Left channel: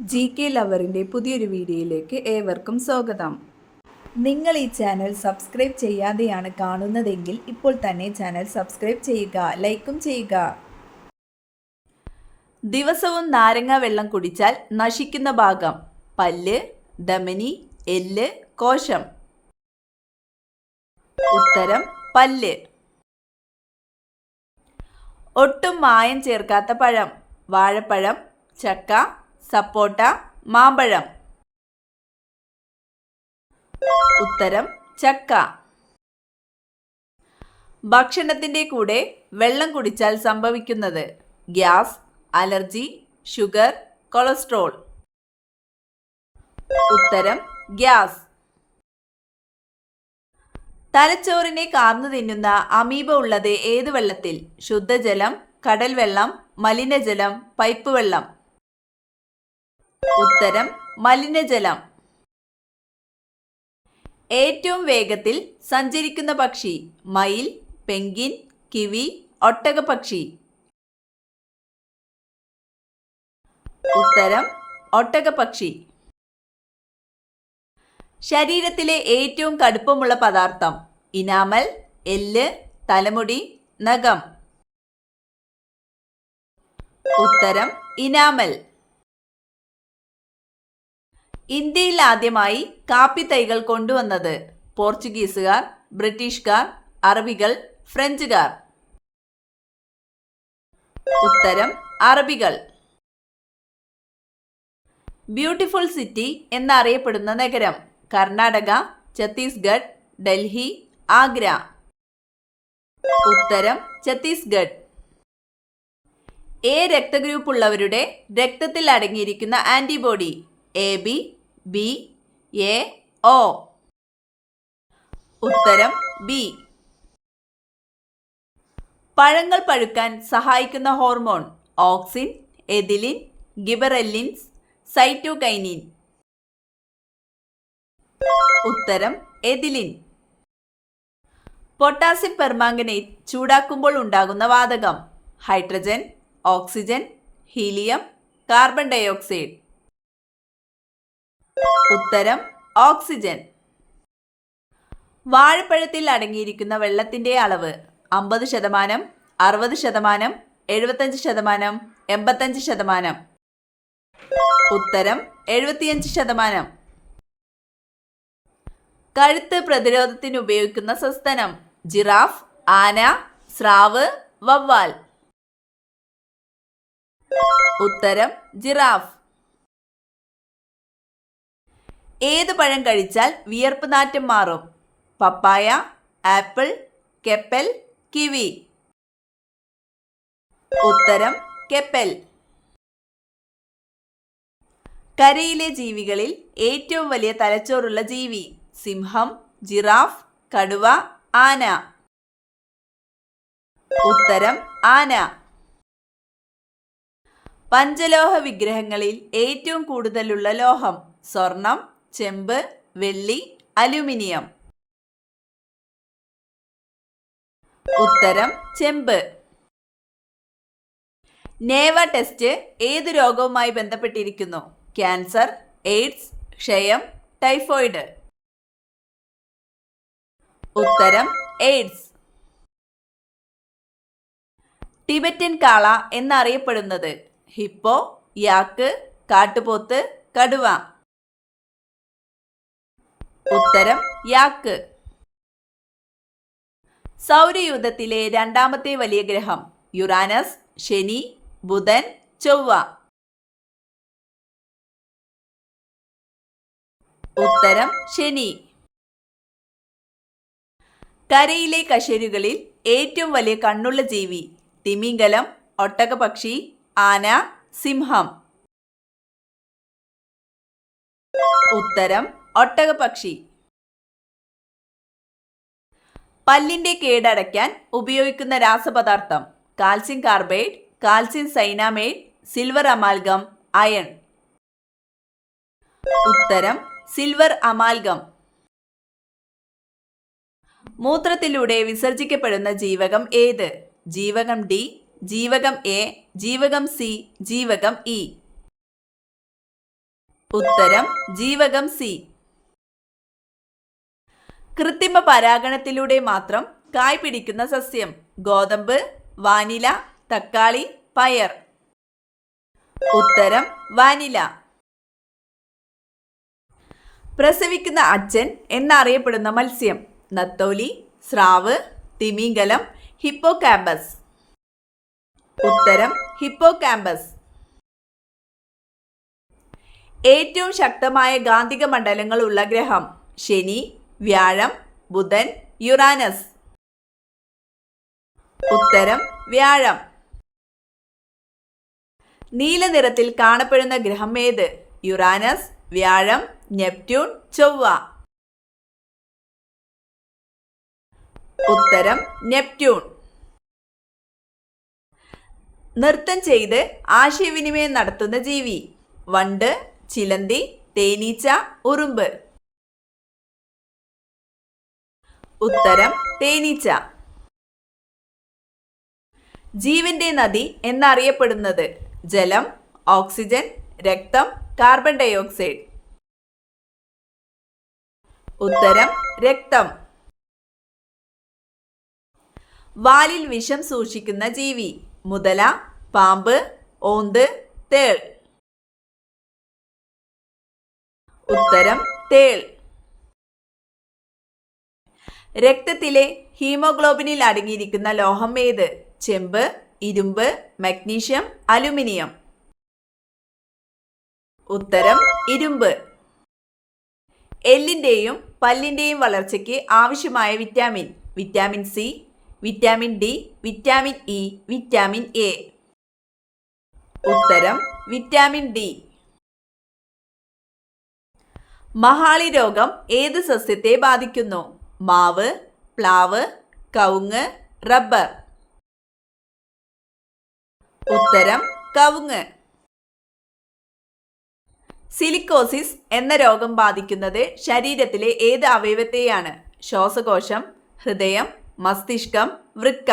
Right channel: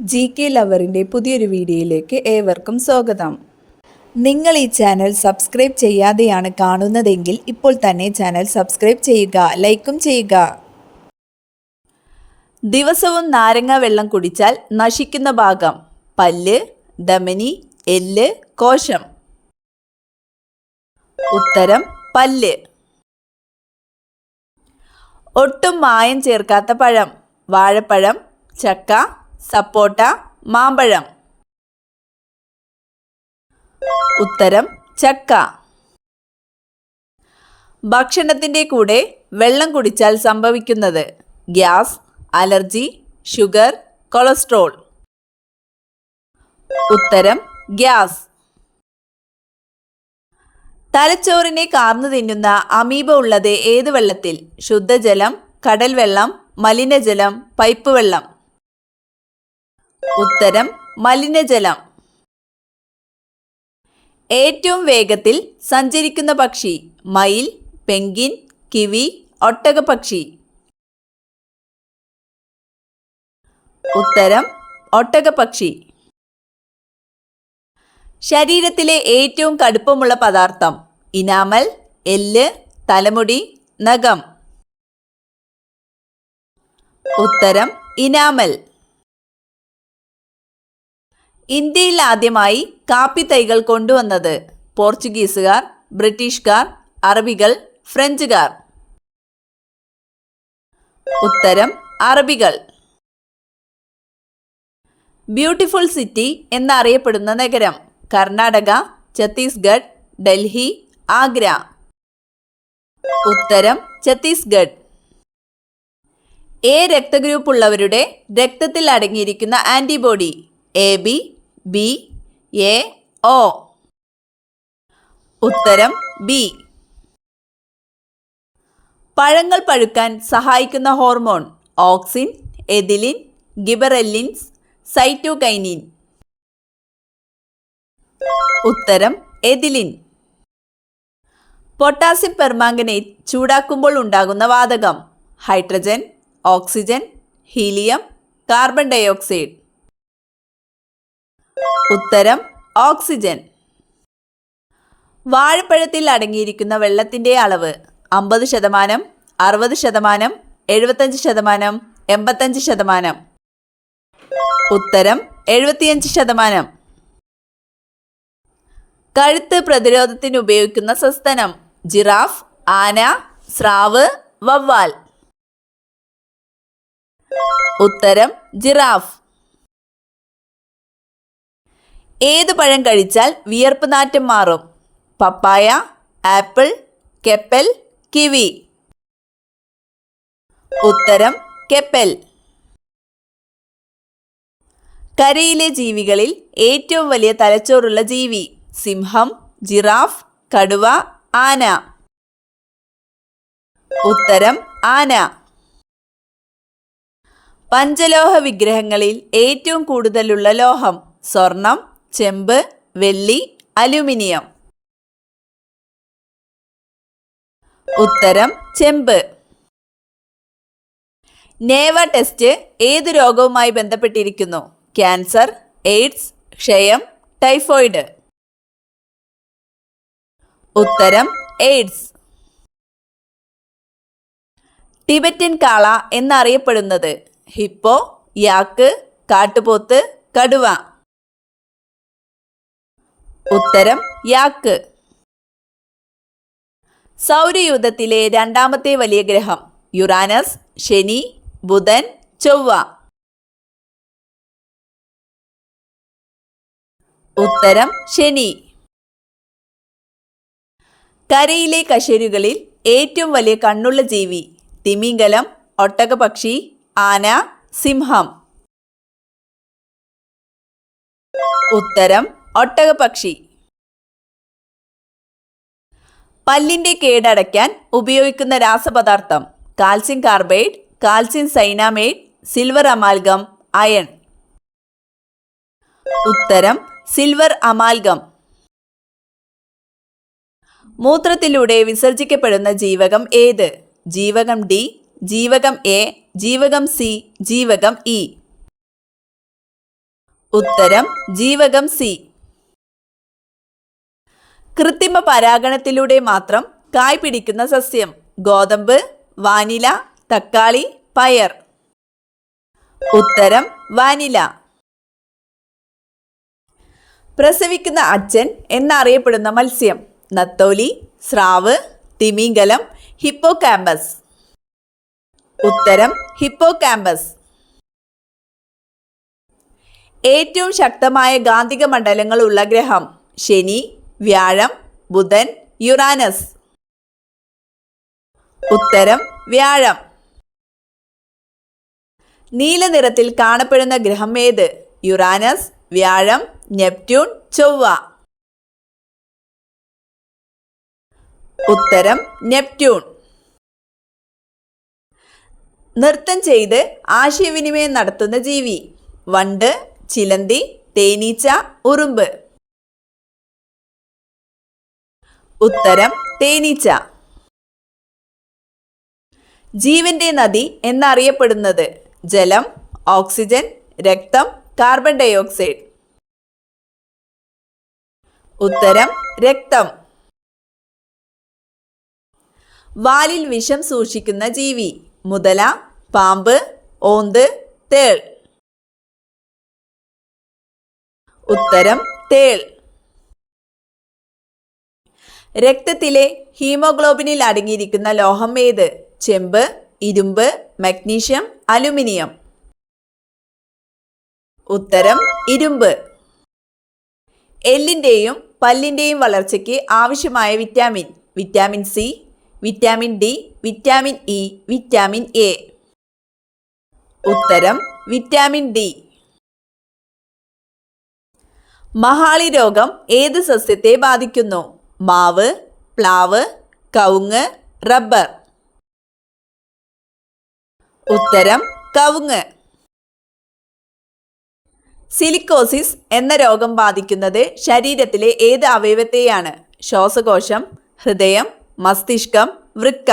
GK ലവറിൻ്റെ പുതിയൊരു വീഡിയോയിലേക്ക് ഏവർക്കും സ്വാഗതം. നിങ്ങൾ ഈ ചാനൽ സബ്സ്ക്രൈബ് ചെയ്യാതെയാണ് കാണുന്നതെങ്കിൽ ഇപ്പോൾ തന്നെ ചാനൽ സബ്സ്ക്രൈബ് ചെയ്യുക, ലൈക്കും ചെയ്യുക. ദിവസവും നാരങ്ങ വെള്ളം കുടിച്ചാൽ നശിക്കുന്ന ഭാഗം: പല്ല്, ധമനി, എല്ല്, കോശം. ഉത്തരം പല്ല്. ഒട്ടും മായം ചേർക്കാത്ത പഴം: വാഴപ്പഴം, ചക്ക, സപ്പോട്ട, മാമ്പഴം. ഉത്തരം ചക്ക. ഭക്ഷണത്തിൻ്റെ കൂടെ വെള്ളം കുടിച്ചാൽ സംഭവിക്കുന്നത്: ഗ്യാസ്, അലർജി, ഷുഗർ, കൊളസ്ട്രോൾ. ഉത്തരം ഗ്യാസ്. തലച്ചോറിനെ കാർന്നു തിന്നുന്ന അമീബ ഉള്ളത് ഏത് വെള്ളത്തിൽ? ശുദ്ധജലം, കടൽ വെള്ളം, മലിനജലം, പൈപ്പ് വെള്ളം. ഉത്തരം മലിനജലം. ഏറ്റവും വേഗത്തിൽ സഞ്ചരിക്കുന്ന പക്ഷി: മയിൽ, പെൻഗ്വിൻ, കിവി, ഒട്ടകപ്പക്ഷി. ഉത്തരം ഒട്ടകപ്പക്ഷി. ശരീരത്തിലെ ഏറ്റവും കടുപ്പമുള്ള പദാർത്ഥം: ഇനാമൽ, എല്ല്, തലമുടി, നഖം. ഉത്തരം ഇനാമൽ. ഇന്ത്യയിൽ ആദ്യമായി കാപ്പി തൈകൾ കൊണ്ടുവന്നത്: പോർച്ചുഗീസുകാർ, ബ്രിട്ടീഷുകാർ, അറബികൾ, ഫ്രഞ്ചുകാർ. ഉത്തരം അറബികൾ. ബ്യൂട്ടിഫുൾ സിറ്റി എന്നറിയപ്പെടുന്ന നഗരം: കർണാടക, ഛത്തീസ്ഗഡ്, ഡൽഹി, ആഗ്ര. ഉത്തരം ഛത്തീസ്ഗഡ്. എ രക്തഗ്രൂപ്പ് ഉള്ളവരുടെ രക്തത്തിൽ അടങ്ങിയിരിക്കുന്ന antibody: AB, B, A, O. ഉത്തരം B. പഴങ്ങൾ പഴുക്കാൻ സഹായിക്കുന്ന ഹോർമോൺ: ഓക്സിൻ, എഥിലിൻ, ഗിബറെല്ലിൻസ്, സൈറ്റോകൈനിൻ. ഉത്തരം എഥിലിൻ. പൊട്ടാസ്യം പെർമാംഗനേറ്റ് ചൂടാക്കുമ്പോൾ ഉണ്ടാകുന്ന വാതകം: hydrogen, oxygen, helium, carbon dioxide. ഉത്തരം ഓക്സിജൻ. വാഴപ്പഴത്തിൽ അടങ്ങിയിരിക്കുന്ന വെള്ളത്തിൻ്റെ അളവ്: 50%, 60%, 75%, 85%. ഉത്തരം 75%. കഴുത്ത് പ്രതിരോധത്തിന് ഉപയോഗിക്കുന്ന സസ്തനം: ജിറാഫ്, ആന, സ്രാവ്, വവ്വാൽ. ഉത്തരം ജിറാഫ്. ഏത് പഴം കഴിച്ചാൽ വിയർപ്പ് നാറ്റം മാറും? പപ്പായ, ആപ്പിൾ, കെപ്പൽ, കിവി. ഉത്തരം കെപ്പൽ. കരയിലെ ജീവികളിൽ ഏറ്റവും വലിയ തലച്ചോറുള്ള ജീവി: സിംഹം, ജിറാഫ്, കടുവ, ആന. ഉത്തരം ആന. പഞ്ചലോഹ വിഗ്രഹങ്ങളിൽ ഏറ്റവും കൂടുതലുള്ള ലോഹം: സ്വർണം, ചെമ്പ്, വെള്ളി, അലുമിനിയം. ഉത്തരം ചെമ്പ്. നേവ ടെസ്റ്റ് ഏത് രോഗവുമായി ബന്ധപ്പെട്ടിരിക്കുന്നു? ക്യാൻസർ, എയ്ഡ്സ്, ക്ഷയം, ടൈഫോയിഡ്. ഉത്തരം എയ്ഡ്സ്. ടിബറ്റൻ കാള എന്നറിയപ്പെടുന്നത്: ഹിപ്പോ, യാക്ക്, കാട്ടുപോത്ത്, കടുവ. ഉത്തരം യാക്ക്. സൗരയൂഥത്തിലെ രണ്ടാമത്തെ വലിയ ഗ്രഹം: യുറാനസ്, ശനി, ബുധൻ, ചൊവ്വ. ഉത്തരം ശനി. കരയിലെ കശേരുകളിൽ ഏറ്റവും വലിയ കണ്ണുള്ള ജീവി: തിമിംഗലം, ഒട്ടകപക്ഷി, ആന, സിംഹം. ഉത്തരം ഒട്ടകപക്ഷി. പല്ലിൻ്റെ കേടടയ്ക്കാൻ ഉപയോഗിക്കുന്ന രാസപദാർത്ഥം: calcium carbide, calcium cyanamide, silver amalgam, iron. ഉത്തരം സിൽവർ അമാൽഗം. മൂത്രത്തിലൂടെ വിസർജിക്കപ്പെടുന്ന ജീവകം ഏത്? ജീവകം ഡി, ജീവകം എ, ജീവകം സി, ജീവകം ഇ. ഉത്തരം ജീവകം സി. കൃത്രിമ പരാഗണത്തിലൂടെ മാത്രം കായ് പിടിക്കുന്ന സസ്യം. ഗോതമ്പ്, വാനില, തക്കാളി, പയർ. ഉത്തരം വാനില. പ്രസവിക്കുന്ന അച്ഛൻ എന്നറിയപ്പെടുന്ന മത്സ്യം. നത്തോലി, സ്രാവ്, തിമിംഗലം, ഹിപ്പോകാമ്പസ്. ഉത്തരം ഹിപ്പോകാമ്പസ്. ഏറ്റവും ശക്തമായ കാന്തിക മണ്ഡലങ്ങളുള്ള ഗ്രഹം. ശനി, വ്യാഴം, ബുധൻ, യുറാനസ്. ഉത്തരം വ്യാഴം. നീല നിറത്തിൽ കാണപ്പെടുന്ന ഗ്രഹം ഏത്? യുറാനസ്, വ്യാഴം, നെപ്റ്റ്യൂൺ, ചൊവ്വ. ഉത്തരം നെപ്റ്റ്യൂൺ. നൃത്തം ചെയ്ത് ആശയവിനിമയം നടത്തുന്ന ജീവി. വണ്ട്, ചിലന്തി, തേനീച്ച, ഉറുമ്പ്. ഉത്തരം തേനീച്ച. ജീവന്റെ നദി എന്നറിയപ്പെടുന്നത്. ജലം, ഓക്സിജൻ, രക്തം, കാർബൺ ഡയോക്സൈഡ്. ഉത്തരം രക്തം. വാലിൽ വിഷം സൂക്ഷിക്കുന്ന ജീവി. മുതല, പാമ്പ്, ഓന്ത്, തേൾ. ഉത്തരം തേൾ. രക്തത്തിലെ ഹീമോഗ്ലോബിനിൽ അടങ്ങിയിരിക്കുന്ന ലോഹം ഏത്? ചെമ്പ്, ഇരുമ്പ്, മഗ്നീഷ്യം, അലുമിനിയം. ഉത്തരം ഇരുമ്പ്. എല്ലിൻ്റെയും പല്ലിൻ്റെയും വളർച്ചയ്ക്ക് ആവശ്യമായ vitamin. Vitamin C, vitamin D, vitamin E, vitamin A. ഉത്തരം വിറ്റാമിൻ ഡി. മഹാളി രോഗം ഏത് സസ്യത്തെ ബാധിക്കുന്നു? മാവ്, പ്ലാവ്, കവുങ്ങ്, റബ്ബർ. ഉത്തരം കവുങ്ങ്. സിലിക്കോസിസ് എന്ന രോഗം ബാധിക്കുന്നത് ശരീരത്തിലെ ഏത് അവയവത്തെയാണ്? ശ്വാസകോശം, ഹൃദയം, മസ്തിഷ്കം, വൃക്ക.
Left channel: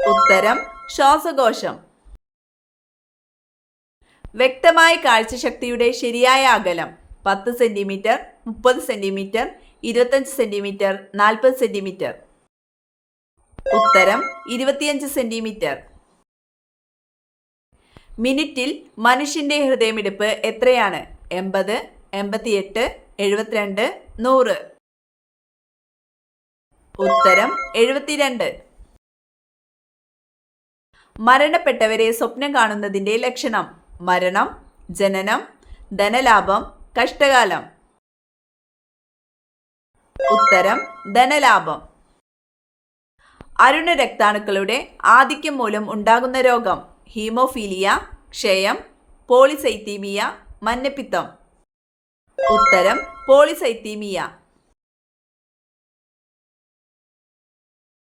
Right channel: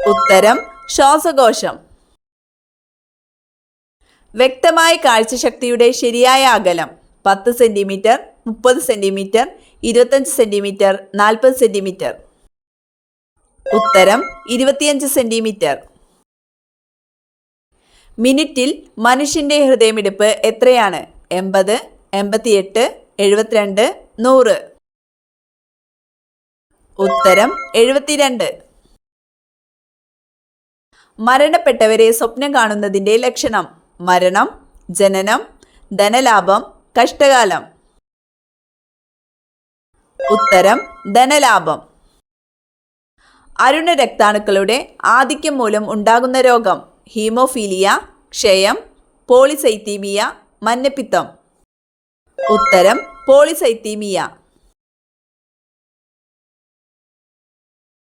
ഉത്തരം ശ്വാസകോശം. വ്യക്തമായ കാഴ്ചശക്തിയുടെ ശരിയായ അകലം. 10 സെന്റിമീറ്റർ, 30 സെന്റിമീറ്റർ, 25 സെന്റിമീറ്റർ, 40 സെന്റിമീറ്റർ. ഉത്തരം 25 സെന്റിമീറ്റർ. മിനിറ്റിൽ മനുഷ്യന്റെ ഹൃദയമിടിപ്പ് എത്രയാണ്? 80, 88, 72, 100. ഉത്തരം 72. മരണപ്പെട്ടവരെ സ്വപ്നം കാണുന്നതിൻ്റെ ലക്ഷണം. മരണം, ജനനം, ധനലാഭം, കഷ്ടകാലം. ഉത്തരം ധനലാഭം. അരുണ രക്താണുക്കളുടെ ആധിക്യം മൂലം ഉണ്ടാകുന്ന രോഗം. ഹീമോഫീലിയ, ക്ഷയം, പോളിസൈത്തീമിയ, മഞ്ഞപ്പിത്തം. ഉത്തരം പോളിസൈത്തീമിയ.